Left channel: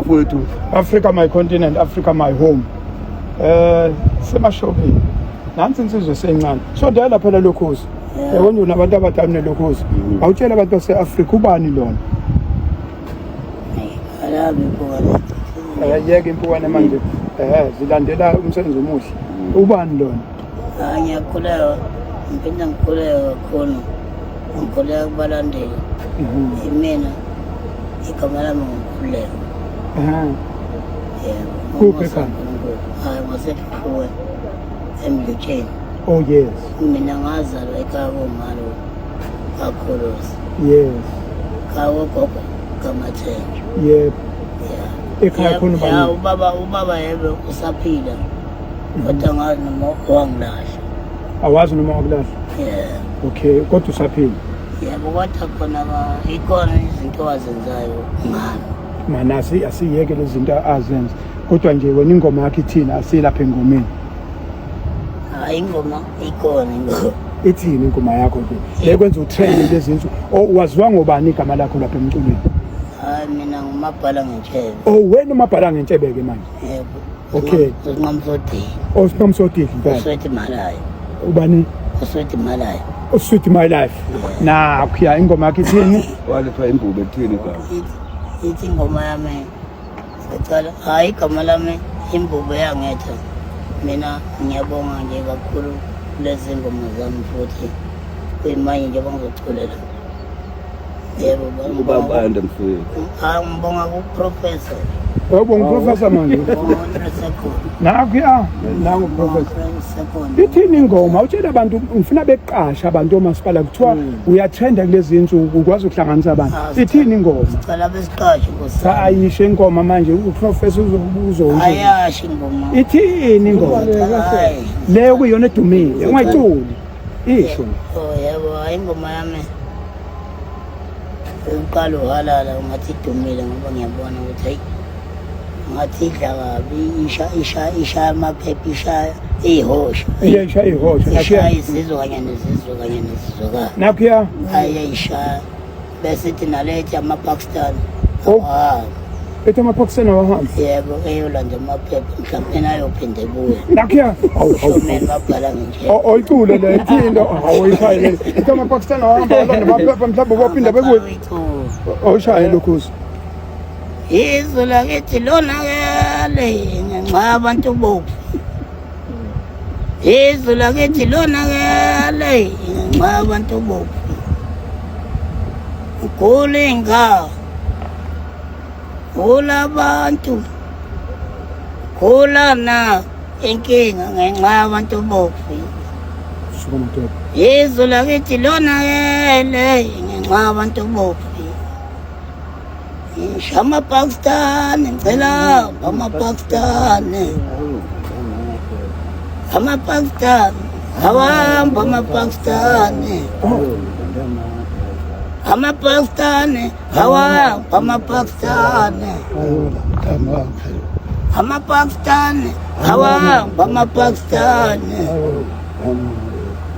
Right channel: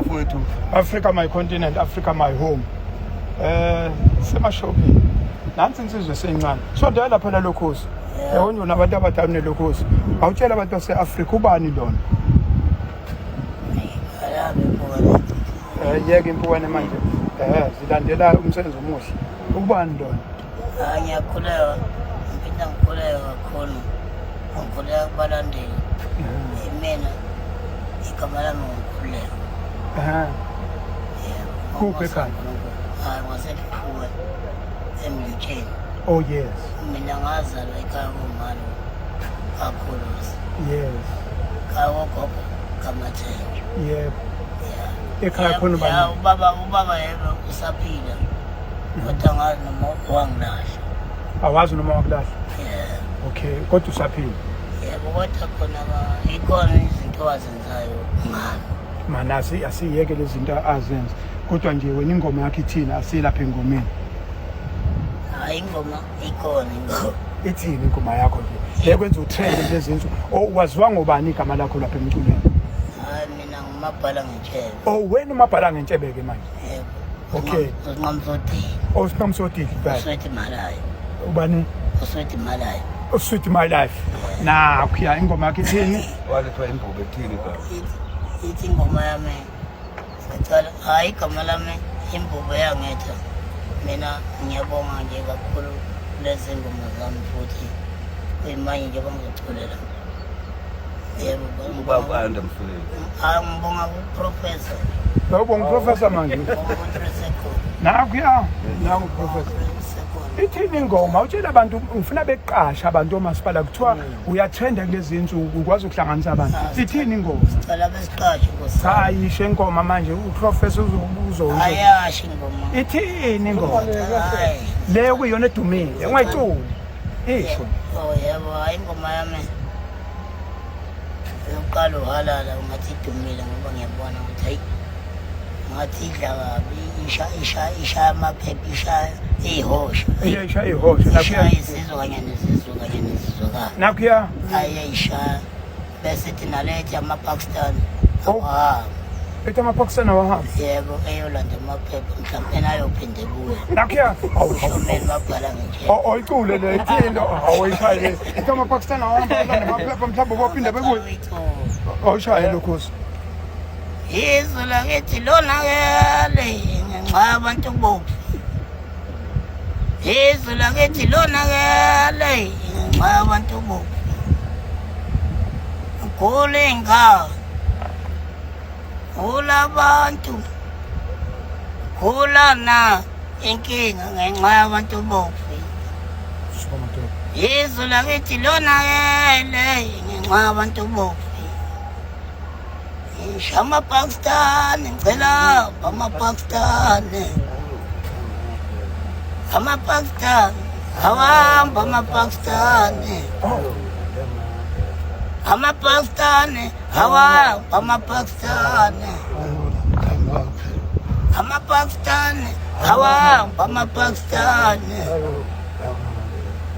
Mfowethu, Africa my continent, Africa my home. Semashopini. Nansi insizwe sencane. So dala phela lokhozi. Yabona unabantu abadala nelokhozi. Awutshela abantu base-Africa ubani lona? Alabi impukane. Yeke impukane manje. Zilandela umsebenzi omuhle. Ubani lona? Ngiyakholelwa. Ngiphinda ngikholelwa kakhulu. Ngikholelwa kubalandeli. Mina igama lami ngikholelwa. Kuphi ekhaya? Hayi ngasehlukwe emlutsheni. Oh yes. Mina ngazalwa ekhaya komalo kakhulusi. Yes. Kagogo kamathenje. Yep. Ekhaya khona bani? Ubaba yebe usaphila. Kodwa ngazi noma wangilahla. Awazi noma wakulahla? Okay, kodwa usaphila. Yebo kodwa khona ikhona izinto azenzayo ngami. Mana asiyeke lezi zinto azenza. Kodwa nje wena ingoma yakhe ithina asilapha engomeni. Hayi ingoma ikhona ingoma. Ithini ingoma yakho nje? Lekwenza utrend lezi zinto. Waziwa ngobani igama lakho lapha emculweni? Hayi mina ngumabhala ngetshebe. Oh wena umabhala ngentshebe ke manje. Yebo. Okay. Usinqamsodini. Usinqamsodini phela. Uswethi malayo. Ubani? Uswethi malayo. Sweet my life. Na kuya ingoma yakhe ithini? walethwa imbube ethini igama? Ithi ingoma yami. Secala hayi igama lami imbube yangetha. Mina ngiyabonga nje kakhulu kulezi ngoma zami futhi kuyimanye nje bangizoculela. Yebo Ubaba ande mfowethu. hayi ngibonga kuprofessor. Yebo ngiprofessor manje. Nakuya nangu professor. Ithini ingoma? Utshela abantu ufuna beqasha abantu omasipala kuthiwa uyatrenda kulezi insuku ukwazi ukuhlanganisa abantu. Ithini ingoma? Cala besiqashe Nkosi. Ayisho ingoma manje uprofessor uzowusho. Ayashi ingoma. Ithini ingoma? Hayi. Leyo kuyona edumile ungayiculi. Isho. Oh yebo hayi ingoma yami. Uqala uhalala ungathi idumile ngoba ngiyabona ukuthi hayi ngathi idla kabi isha amaphepha isha ihosha. Iyasha ihosha Nakuya izizwe kanye nezizwe. Nakuya Ayisha bese tinalethi amaPakistan. ethi amaphokisana wahamba. Yebo eyolanda amaphepha mhlawumbe ayophinde ebuye. Nakuya Shomeni babhala nje. Oyicule le ithini awuyishayile. Ethi amaphokisana wahamba namaphepha mhlawumbe bophinda bebuye. Oyishaye lokhuzi. Izwe lakithi lonakele ngenxa abantu bofu. Izwe lakithi lonakele ngenxa abantu bofu. Kulinga kulabantu kulana inkinga ngenxa yabantu bofu. Izwe lakithi lonakele ngenxa yabantu bofu. Shama Pakistan, ngicela amaPakistan. AmaPakistan, awamba amaPakistan. AmaPakistan, awamba amaPakistan. AmaPakistan, awamba amaPakistan.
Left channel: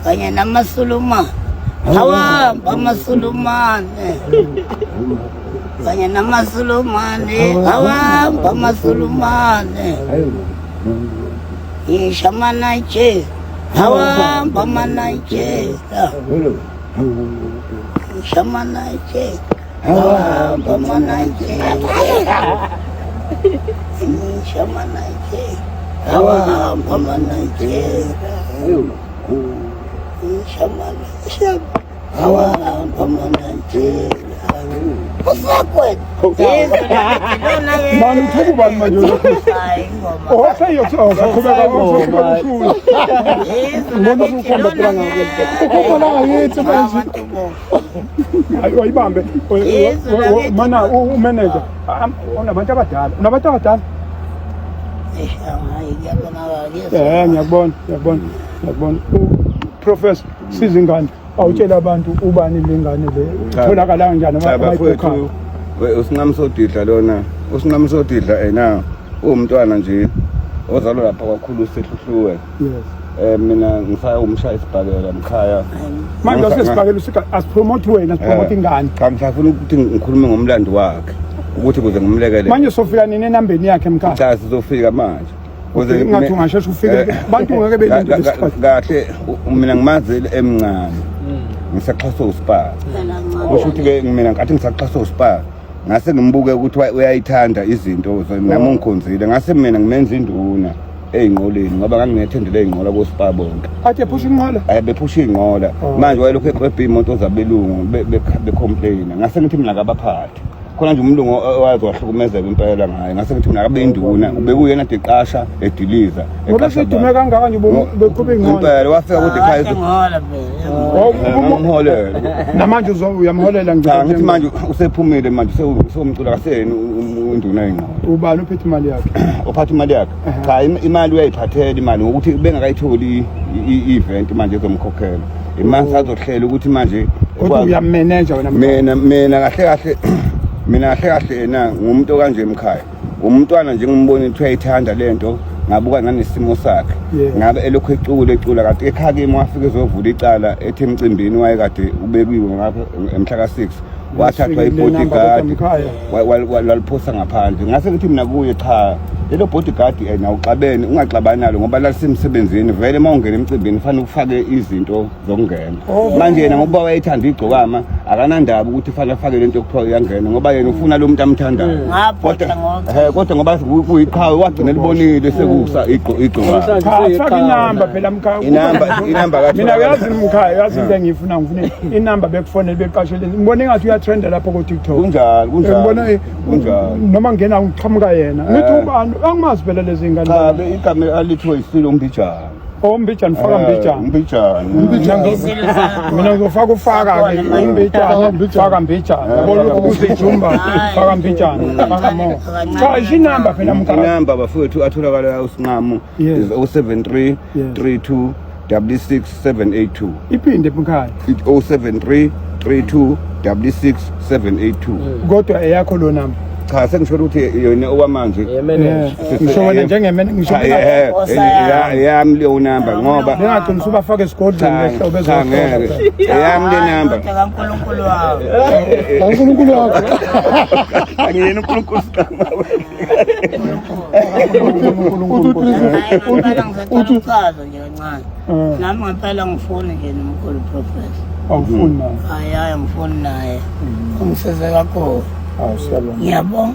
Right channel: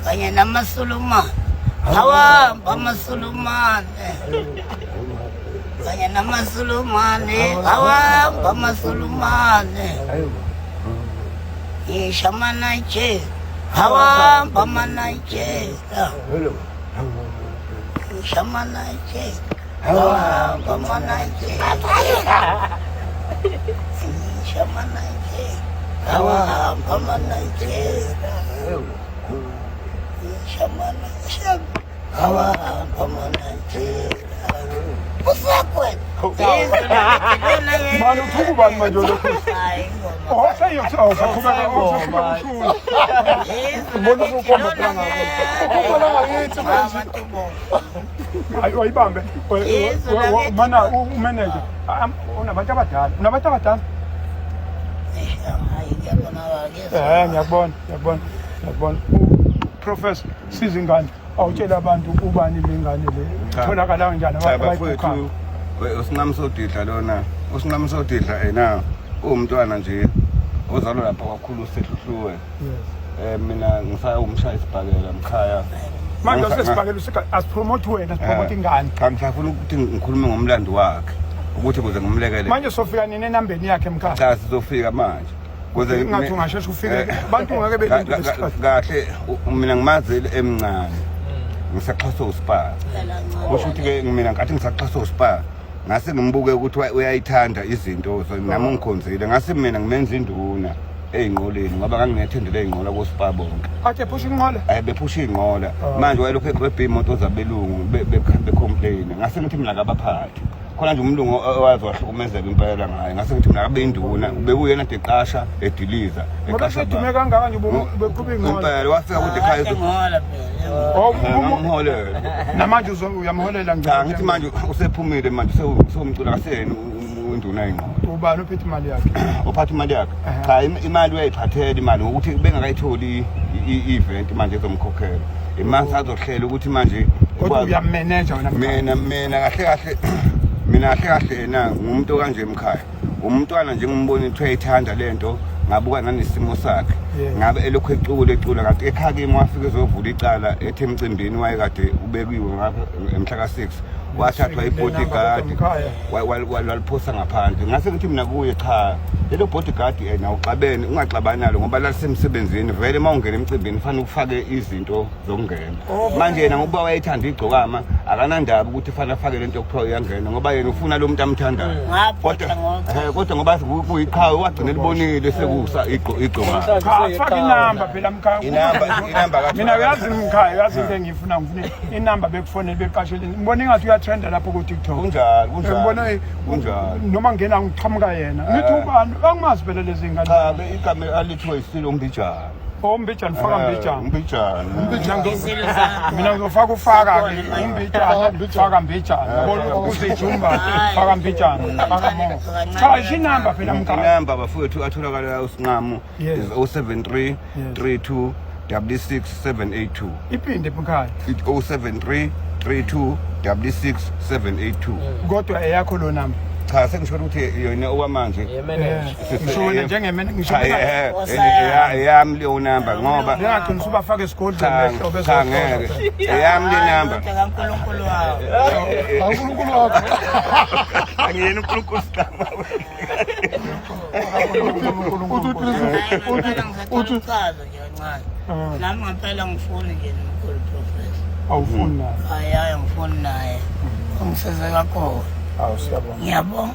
Kanye namaSulumane, awamba amaSulumane. Kanye namaSulumane, awamba amaSulumane. Ishama Nigeria, awamba amaNigeria. Ishama Nigeria, awamba amaNigeria. Ishama Nigeria, awamba amaNigeria. Ishama Nigeria, awamba amaNigeria. Mani uthuku bani manje lokhuzi? Usaqhubeka ushula. Noma ukhomba phela ngakithi. Ukhona ngakithi manje. Ayibambe. Mana umanager. Unabantu abadala. Unabantu abadala? Ngiyabona. Professor Sizingane awutshela abantu ubani lengane le utholakala kanjani Bafowethu usinqamsodidla lona. Usinqamsodidla ena umntwana nje ozalwa lapha kwakhulu sehluhluwe. Mina ngifaka umshaya isibhakela emkhaya. Manje sesibhakela asipromote wena sipromote ingane. Cha ngifuna ukuthi ngikhulume ngomlando wakhe. ukuthi kuze ngimlekele manje sofika nini enambeni yakhe mkhaya cha sizofika manje ngathi ungasheshe ufike abantu ngeke belinde isikhathi kahle mina ngimazile emncane ngisaxhaswa uSpa kusho ukuthi ke mina ngathi ngisaxhaswa uSpa ngase ngimbuke ukuthi uyayithanda izinto nami ungikhonzile ngase mina ngimenza induna eyinqoleni ngoba nganginethendele eyinqola koSpa bonke athi ephusha inqola bephusha inqola manje wayelokhu eqwebha imoto zabelungu becomplaina ngase ngithi mina kabaphathi khona nje umlungu owazi wahlukumezeka impela ngaye ngase ngithi mina kabe induna ubekuyena deqasha ediliza eqasha dume kangaka nje bekhuphe inqola impela wafika kude ekhaya ngimholela namanje uyamholela ngithi manje usephumile manje sewumcula kaseni induna eyinqola ubani ophethe imali yakhe ophatha imali yakhe cha imali uyayiphathela imali ngokuthi bengakayitholi i-event manje ezomkhokhela imali sazohlela ukuthi manje kodwa uyamanager wena mina kahle kahle yena ngumuntu kanje emkhaya umntwana nje ngimbona ukuthi uyayithanda lento ngabuka nanesimo sakhe ngabe elokhu ecula kade ekhaya kimi wafika ezovula icala ethi emcimbini wayekade ubekiwe ngapha emhla ka6 wathathwa ibodyguard waliphosa ngaphandle ngase ngithi mina kuye cha lelo bodyguard yena uxabene ungaxabani nalo ngoba lalisemsebenzini vele mawungena emcimbini fanele ufake izinto zokungena manje yena ngoba wayethanda igcokama akanandaba ukuthi fanele afake lento yokuthiwa uyangena ngoba yena ufuna lo muntu amthandayo kodwa ngoba kuyiqhawe wagcina libonile sekusa igcokama faka inamba phela mkhaya inamba kathi mina uyazi mkhaya uyazi into engifuna inamba bekufonela beqashele ngibone ngathi uyatrenda lapho ku TikTok kunjani noma ngena ngiqhamuka yena ngithi ubani angimazi phela lezi ngane cha igama alithiwe isilo umbijana umbijana faka umbijana mina ngizofaka ufaka ke umbijana faka mbijana yabona ukuthi ijumba faka mbijana faka mo cha inamba phela mkhaya inamba bafowethu atholakala usinqamu is 073 32 66782 iphinde mkhaya 073 32 66782 kodwa eyakho lo namba cha sengisho ukuthi yona okwamanje ngishona njengemene ngisho yami leyo number ngoba ngingaqinisa ubafake esigodlweni lehle obezwa ngeke yami le number kaNkulunkulu wakho kaNkulunkulu wakho angiyena uNkulunkulu uthi uchaza nje kancane nami ngempela ngifuna nje nomkhulu professor awufuni naye hayi ngifuni naye ungisize kakhulu ngiyabonga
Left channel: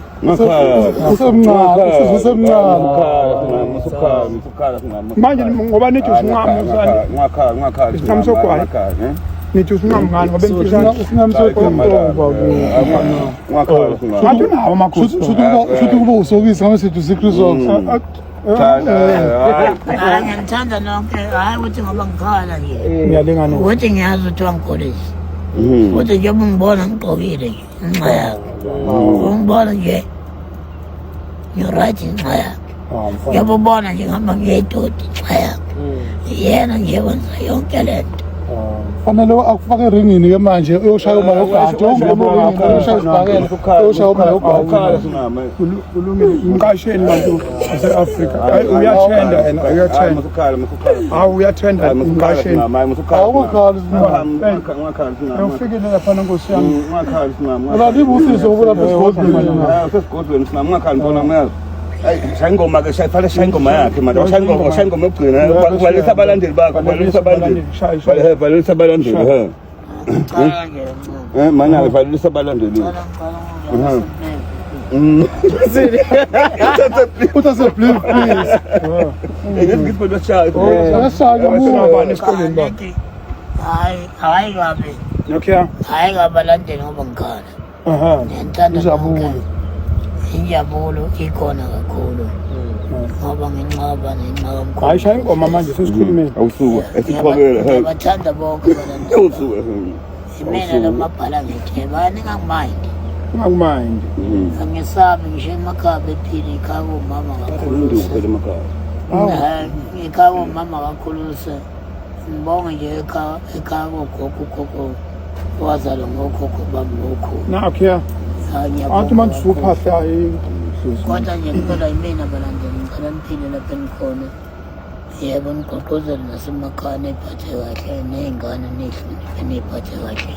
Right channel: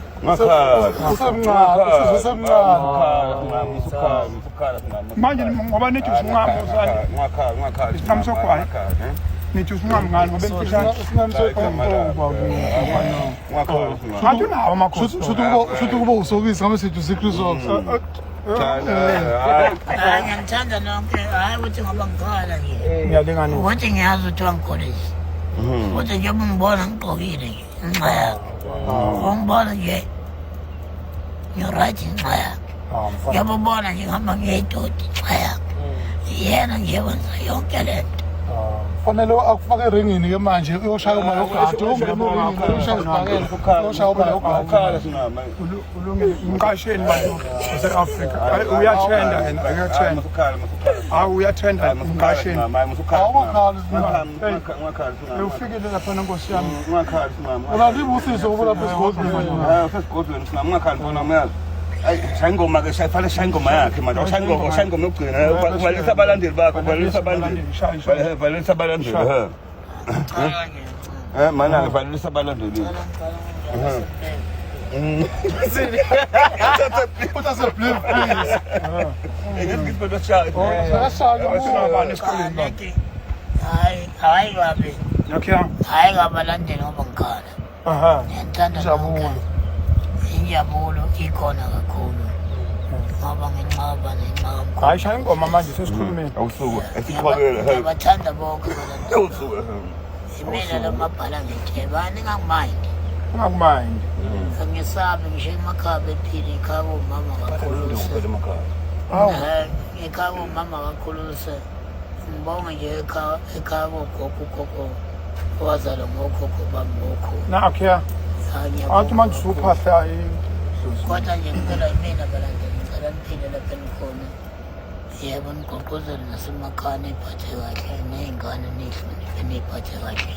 manje ngoba nithi usinqamo usani isinqamo sogwayi nithi usinqamo ngani ngoba emfishane isinqamo sogwayi ngathi unawo amakhosi shuthi kuba usokisi ngama sithi usikrisos ngiyamthanda nonke hayi ukuthi ngoba ngikhala nje ngiyalingana ukuthi ngiyazi ukuthi wangikholisa ukuthi njengoba ungibona ngigqokile nje inxa yakhe ungibona nje ngiyoright inxa yakhe njengoba ubona nje ngihamba ngiyedodi inxa yakhe yena nje wenza yonke lento fanele akufake eringini ke manje uyoshaya uma yogada uyoshaya isibhakela uyoshaya uma yogada kulungile umqasheni bantu base-Afrika uyathenda yena uyathenda uyathenda umqasheni ufikile lapha nkosi yami ulalibe usizo ubulapha esigodlweni singamungakhali mbona umayazi shayingoma ke shayifale shayingoma yakhe manje shayingoma yokugcina kubalisa abalandeli bakho balisa abalandeli mana ke balisa abalandeli utase please ngizibona shayi abani esikoleni ba hayi ngabe okay hayi ngabalandeli ngoba ngikhala ngiyantanda nonke injabulo ikhona kakhulu ngoba nginqaba nenqaba hayi shaya ingoma manje sesikhulumeni awusuka esiqhobela ngiyabathanda bonke abalandeli awusuka imina lamabhala ngitheba ningakumayindi ungakumayindi angisabe ngisho emakhaya bephila ikhaya komama kakhulu ekhaya komama kakhulu ngibonge nje ekhaya kogogo wazalwa ngokhokho bami ngokhulu nakho athi manje usuphahla kodwa nje ngicela yimina abalandeli ngicela niphile lapha enikhona yebo nigqugquzele nasemakhaya niphathe kahle ney'ngane nihloniphe niy'phathe kahle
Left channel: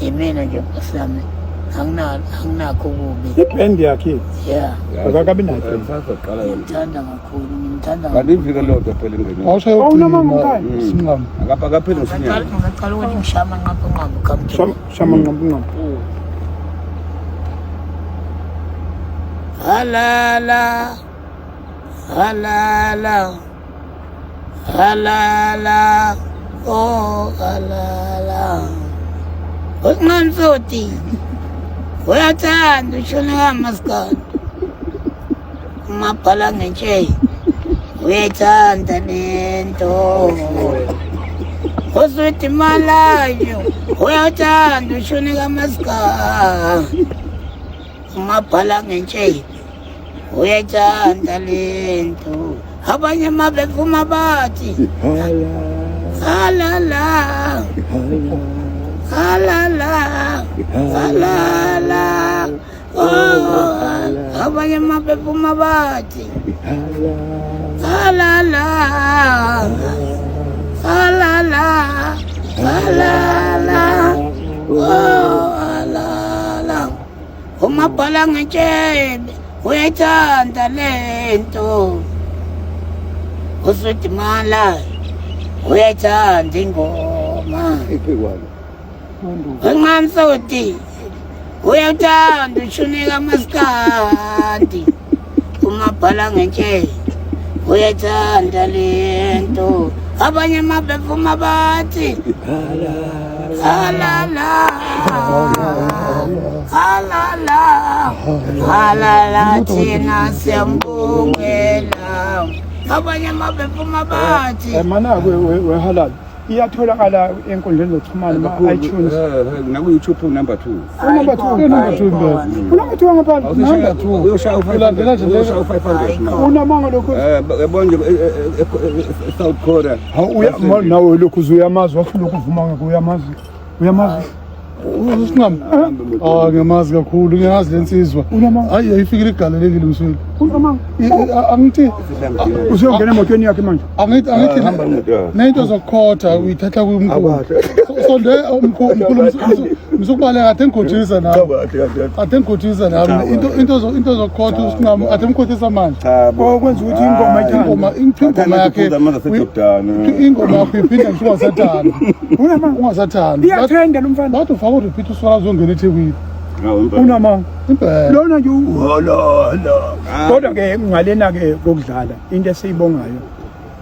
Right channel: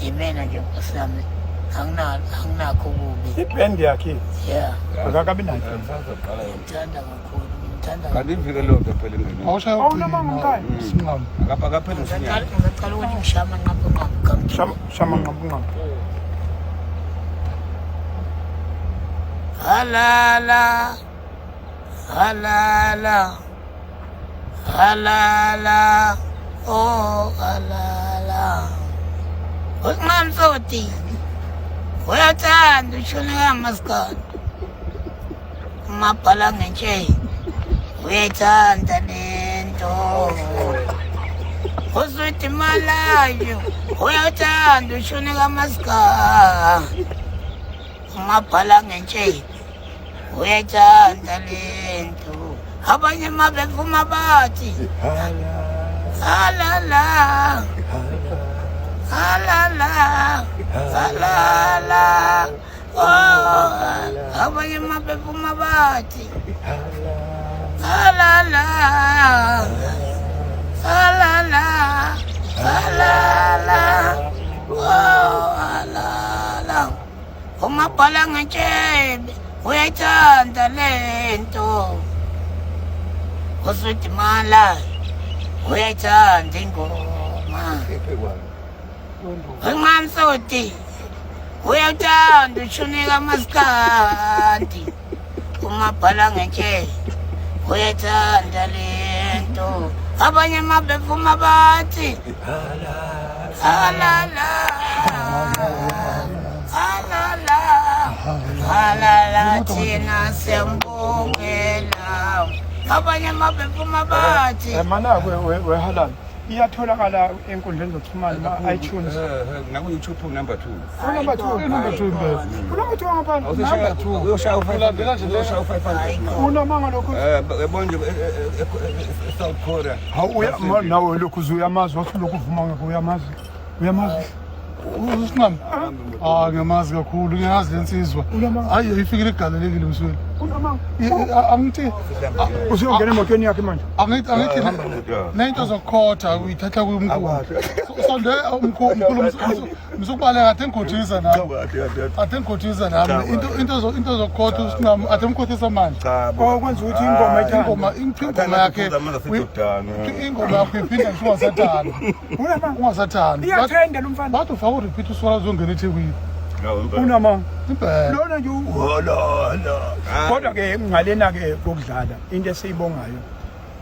yimina nje Nkosi yami anginakho kubi. Ibhendi yakhe. Yeah. Akakabi nayo. Ngimthanda kakhulu, ngimthanda. Kanti ivike lonke phela engene. Awushaye Awunamanga Singam. Akaphela usinyama. Ngicela ukuthi ngishama nqapha kamthini. Shama nqapha. Halala. Oh, halala. Ukungamsoti. Uyathanda ushone ngamaskandi. Maphala ngenche. Uyathanda lento. Usuthi malayo. Uyathanda ushone ngamaskandi. Maphala ngenche. Uyathanda lento. Abanye mabevuma bathi. Halala. Oh, abanye mabevuma bathi. Halala. Oh, halala. Umabhala ngetshebe. Uyathanda lento. Usuthi mala. Uyathanda ingoma. Ungamsoti. Uyathanda ushunika maskandi. Umabhala ngenche. Uyathanda lento. Abanye mabevuma bathi. Halala thina siyambongela. Abanye mabevuma bathi. Mana we halal. Iyatholakala enkundleni zokuxhumana ma-iTunes. Naku-YouTube number 2. Number 2 ngapha. Number 2 uyoshaya u-500. Unamanga lokho. Yabona South Korea. Nawe lokhu uyamazi wathi lokhu uvuma ngeke uyamazi. Singam. Ngiyamazi kakhulu, ngiyazi lensizwa. Hayi ayifikile igalelekile msweli. Angithi usiyongena emotweni yakhe manje. Angithi nento zokukhotha uyithatha kumkhulu. Sonde umkhulu msukubaleka athe ngikhothisa nami. Into zokukhotha usingam athe ngikhothisa manje. Okwenza ukuthi ingoma yakhe ingoma yakho iphinde ungasathanda. Ungasathanda. Iyathenda lo mfana. Bathi ufaka urepeat uswala uzongena eThekwini. Unamanga. Impela. Lona nje uholala. Kodwa ke ngalena ke kokudlala into esiyibongayo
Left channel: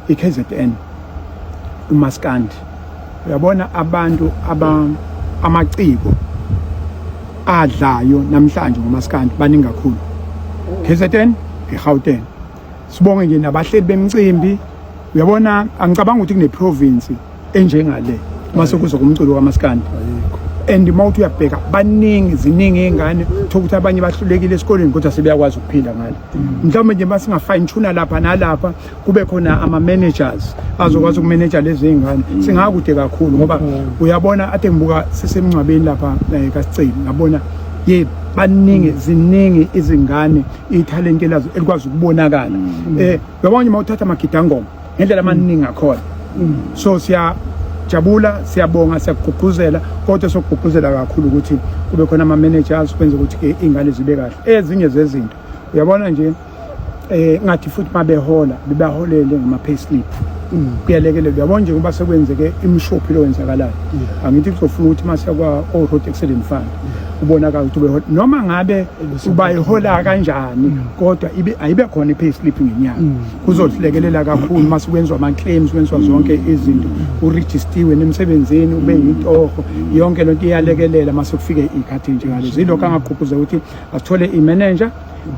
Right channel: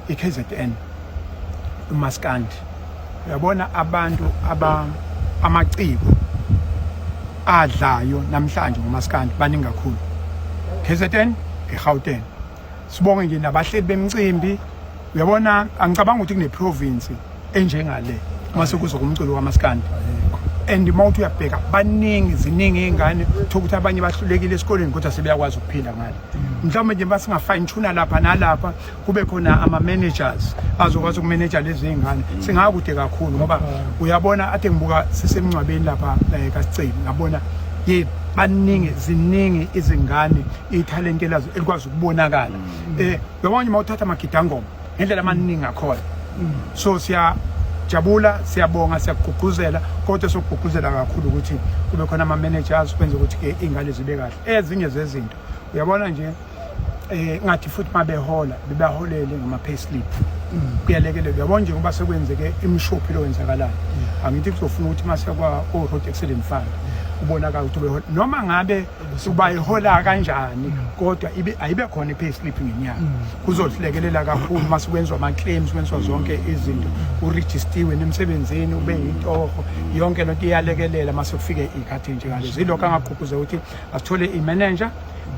iKZN uMaskandi. Uyabona abantu amaciko adlayo namhlanje ngoMaskandi baningi kakhulu. KZN eGauteng. Sibonge nje nabahleli bemicimbi. Uyabona angicabanga ukuthi kune province enjengale mase kuzo kumculo kaMaskandi. And mawuthi uyabheka ziningi ingane ukuthi abanye bahlulekile esikoleni kodwa sebeyakwazi ukuphila ngale. Mhlawumbe nje base ngafine tune lapha nalapha kube khona ama managers azokwazi ukumanager lezi ingane. Singakude kakhulu ngoba uyabona ade ngibuka sisemncwabeni lapha kaSiceli ngabona ziningi izingane italent lazo elikwazi ukubonakala. Uyabona mawuthatha amagidangoma ngendlela amaningi akhona. So jabula siyabonga siyagqugquzela kodwa sokugqugquzela kakhulu ukuthi kube khona ama managers kwenza ukuthi ingane zibe kahle. Ezinye zezinto uyabona nje ngathi futhi mabehola bebaholele ngama payslip kuyalekelela. Uyabona nje ngoba sekwenzeke imshophi lo wenzakalayo. Angithi kuzofuna ukuthi mase kwa Road Excellent Fund ubonakala ukuthi behola noma ngabe ubayihola kanjani kodwa ayibe khona ipayslip ngenyanga. Kuzohlekelela kakhulu mase kwenzwa ama claims kwenzwa zonke izinto uregistiwe nemsebenzini ube yintoho yonke lonto iyalekelela mase kufike ikhathi nje ngale zilokho angaqhuquza ukuthi asithole imanager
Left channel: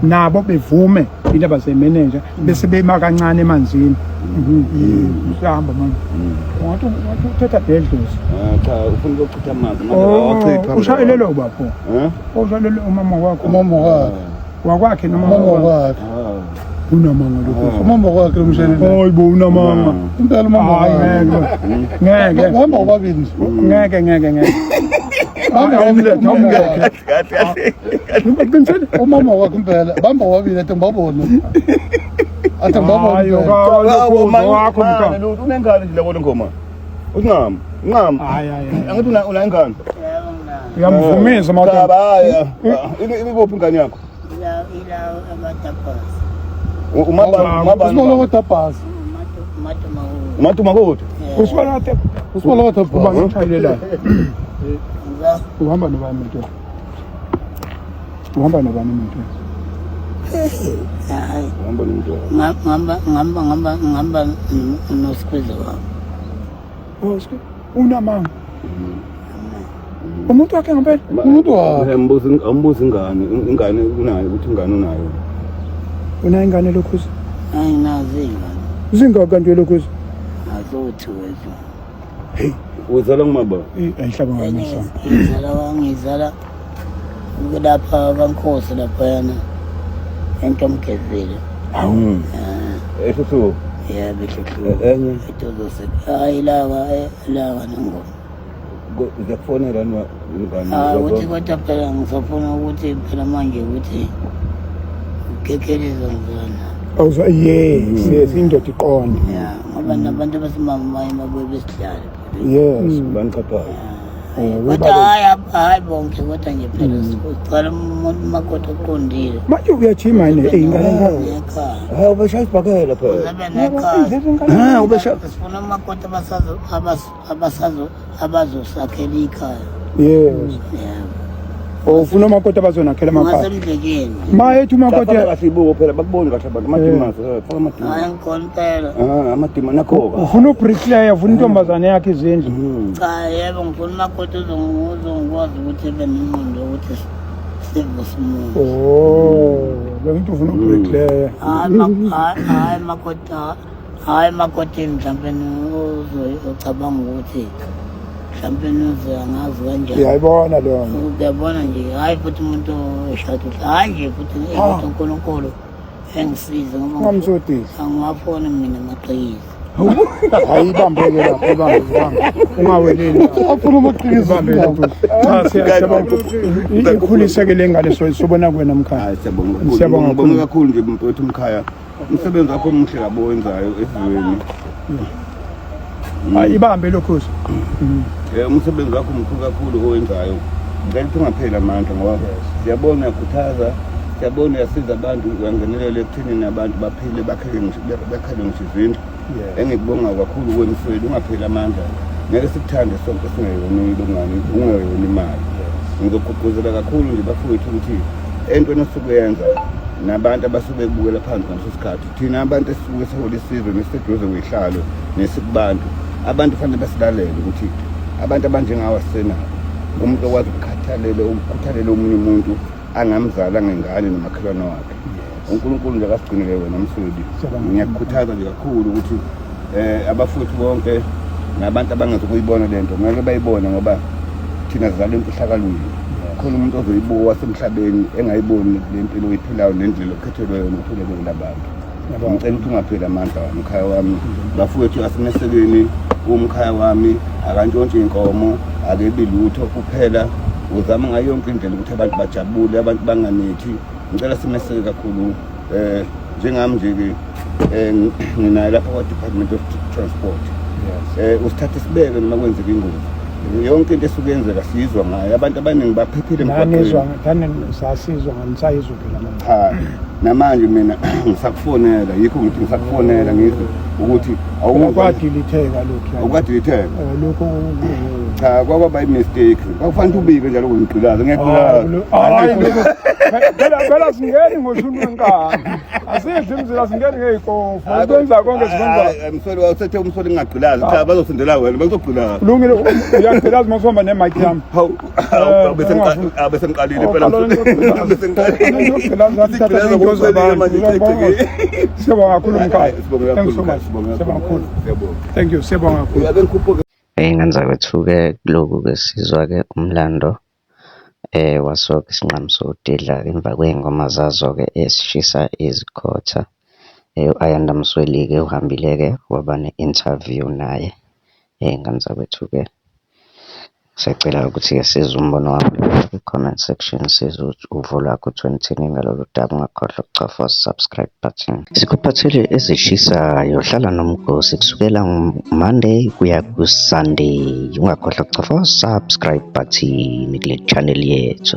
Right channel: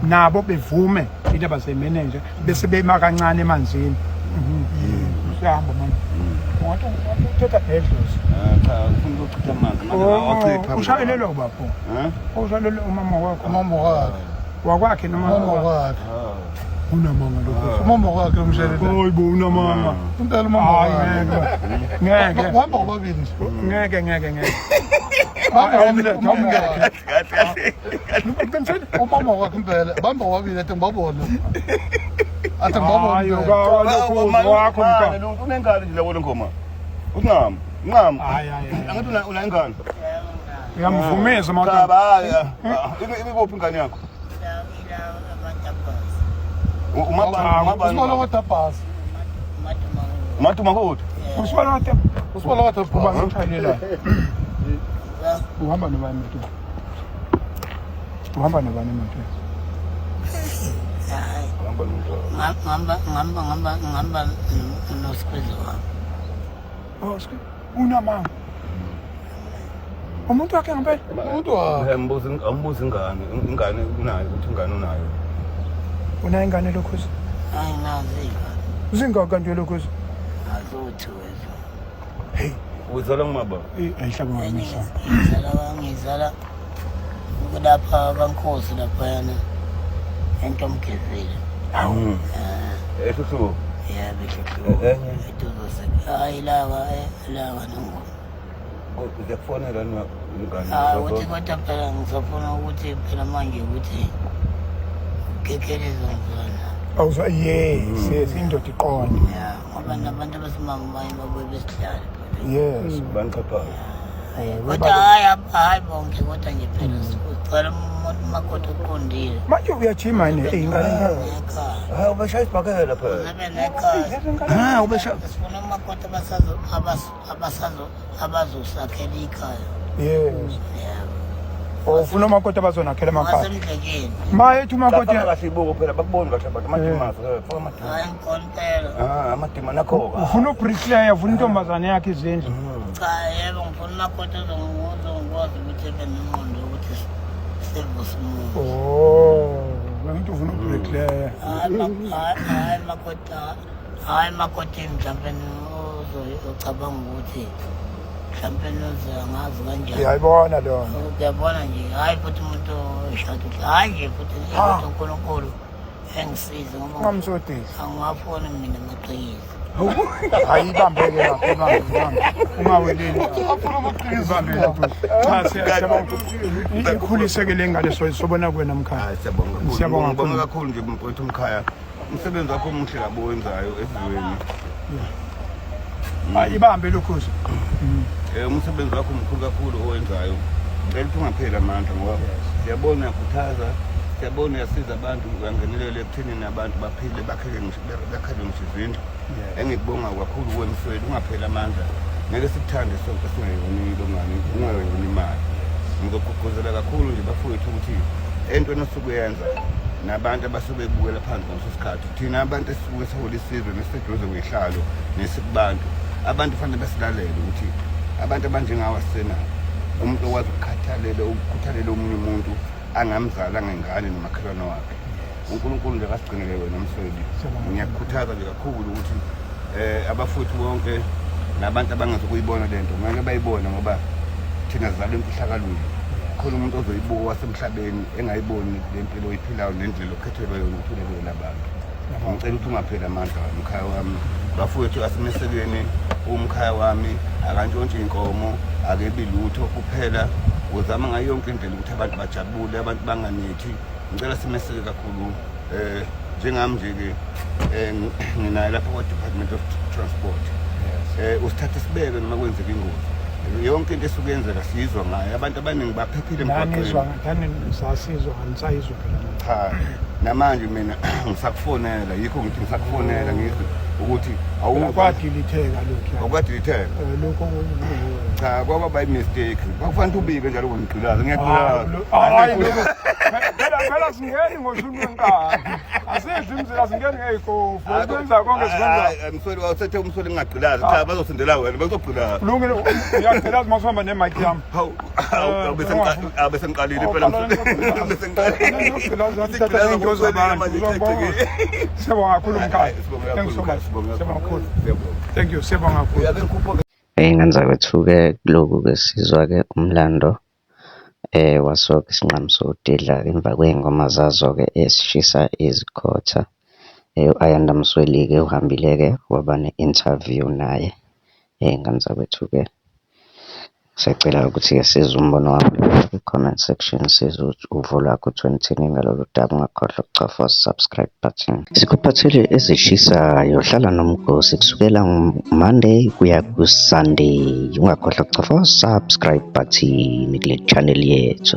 nabo bevume indaba zemanager bese bema kancane emanzini. Usihamba manje. Ungathi uthatha bedlozi. Cha ufuna ukuchitha amanzi manje awachitha. Ushayelelo bapho. Ushayelelo umama wakho. Wakwakhe noma wakwakhe. Unamanga lokho. Umama wakhe lomshayelelo. Hayibo unamanga. Impela umama wakhe. Ngeke. Uhamba ubabili. Ngeke. Umama wakhe impela bamba wabili athi ngibabona. Athi ngibabona. Wakho mka. Unengane nje labo ngoma. Uncama. Hayi. Angithi una ingane. uyamvumisa mawuthi ikuphi ingane yakho ila abatapasi Usibalo wetapasi. Matuma kodwa usibala wate Usibalo wetapasi. kuba ngitshayelelayo uhamba nobani moto uhamba nobani moto hayi ngamba nosikwezo wami oske unamanga umuntu wakhe ngempela Umuntu wakhe. ambuza ingane unayo ukuthi ingane unayo una ingane lokhuzi ayinazo iy'ngane zingaka kanti lokhuzi azothi wethu hey uzala ngumaba ayihlaba ngamisa ngizala lapha kaNkosi laphayana entomgezile eso yebo enye itozose hayi lawa nangoma uyakufonela ingane ukuthi kodwa phela ngisafuna ukuthi phela manje ukuthi ukekeleza ngizana awuzwa yes indoda iqonde ya ngoba nabantu basemamaye babuye besidlale yes baniqapha kodwa hayi bonke kodwa nje phela siqala umuntu makoti oqondile manje uyajima yini ingane ngaka nekhaya ubeshaya isibhakela phela uzabe nekhaya ubeshaya sifuna umakoti abazosakhela ikhaya yes yebo ufuna umakoti abazonakhela amakhaya ngasemdlekeni ma ethu umakoti kasibuko phela bakuboni kahle abantu madimazo hayi ngikhona impela amadima nakho ufuna ubricklayer ufuna intombazane yakhe izindlu cha yebo ngifuna umakoti uzongikwazi ukuthi ebe nengqondo yokuthi sivuse umuntu bengithi ufuna ubricklayer hayi makoti mhlawumbe uzocabanga ukuthi mhlawumbe angazi kanjani uyayibona lona uyabona nje hayi futhi umuntu eshada hayi nje futhi kodwa uNkulunkulu engisize ngoba ngamsodisi angawafuni mina amaqhizi hayi ibambeke lapha ibambe ungaweleli Afuna amaqhizi. ibambe lokhu cha siyabona ikhulise ke lengane sobona kuwena mkhaya hayi siyabonga Siyabonga kakhulu kakhulu nje mfowethu umkhaya umsebenzi wakho omuhle labo wenzayo esizweni hayi ibambe lokhu umsebenzi wakho mkhulu kakhulu owenzayo ngicela ukuthi ungapheli amandla ngoba siyabona uyakhuthaza siyabona uyasiza abantu uyangenelela ekuthenini abantu baphile bakhele ngisho izindlu engikubonga kakhulu kwemsweli ungapheli amandla ngeke sikuthande sonke singeyonile ungeyona imali ngizogqugquzela kakhulu nje bafowethu ukuthi entweni esukuyenza nabantu abasuke kubukela phansi ngaleso sikhathi thina abantu esisuke sihola isizwe nesiseduze kwehlalo nesikubantu abantu fanele basilalele ukuthi abantu abanjengawa sena umuntu okwazi ukukhuthalela omunye umuntu angamzala ngengane nomakhelwane wakhe uNkulunkulu nje akasigcinele wena Msweli ngiyakukhuthaza nje kakhulu ukuthi abafowethu bonke nabantu abangazukuyibona lento kumele bayibone ngoba thina sizalwe emfihlakalweni khona umuntu ozoyibuka wasemhlabeni engayiboni le mpilo oyiphilayo nendlela okhethelwe yona ukuthulelela abantu ngicela ukuthi ungapheli amandla umkhaya wami bafowethu asemesekeni umkhaya wami akantshontshe inkomo akebi lutho kuphela uzama ngayo yonke indlela ukuthi abantu bajabule abantu banganithi ngicela simeseke kakhulu njengami nje ke nginayo lapha kwa Department of Transport usithathe sibeke noma kwenzeka ingozi yonke into esukuyenzeka sizwa ngayo abantu abaningi baphephile emgwaqweni sasizwa nganisayizwa phela manje cha namanje mina ngisakufonela yikho ngithi ngisakufonela ngithi ukuthi awukwadilitheka lokho awukwadilitheka lokho cha kwaba mistake kwakufanele ubike njalo ngigqilaza ngiyagqilaza hayi lokho phela singeni ngoshuni wenkani asidli imizila singeni ngeyikofu ukwenza konke sikwenza Msweli wawusethe umsweli ngingagqilaza cha bazosendela wena bazogqilaza kulungile uyagqilaza mawuhamba nemic yami hawu abesengiqalile phela siyabonga kakhulu mkhaya thank you siyabonga kakhulu ingane zakwethu-ke kuloku-ke sizwa-ke umlando waso-ke isinqamu sodidla emva kwey'ngoma zazo-ke esishisa izikhotha u-Ayanda Msweli-ke uhambile-ke waba ne-interview naye ingane zakwethu-ke Siyacela ukuthi-ke sizwe umbono wami kwi-comment section, sizwe uvo lwakho ukuthi wena uthini ngalolu daba. Ungakhohlwa ukucofa subscribe button. Sikuphathele ezishisayo, hlala nomgosi kusukela Monday kuya ku-Sunday. Ungakhohlwa ukucofa subscribe button kule channel yethu.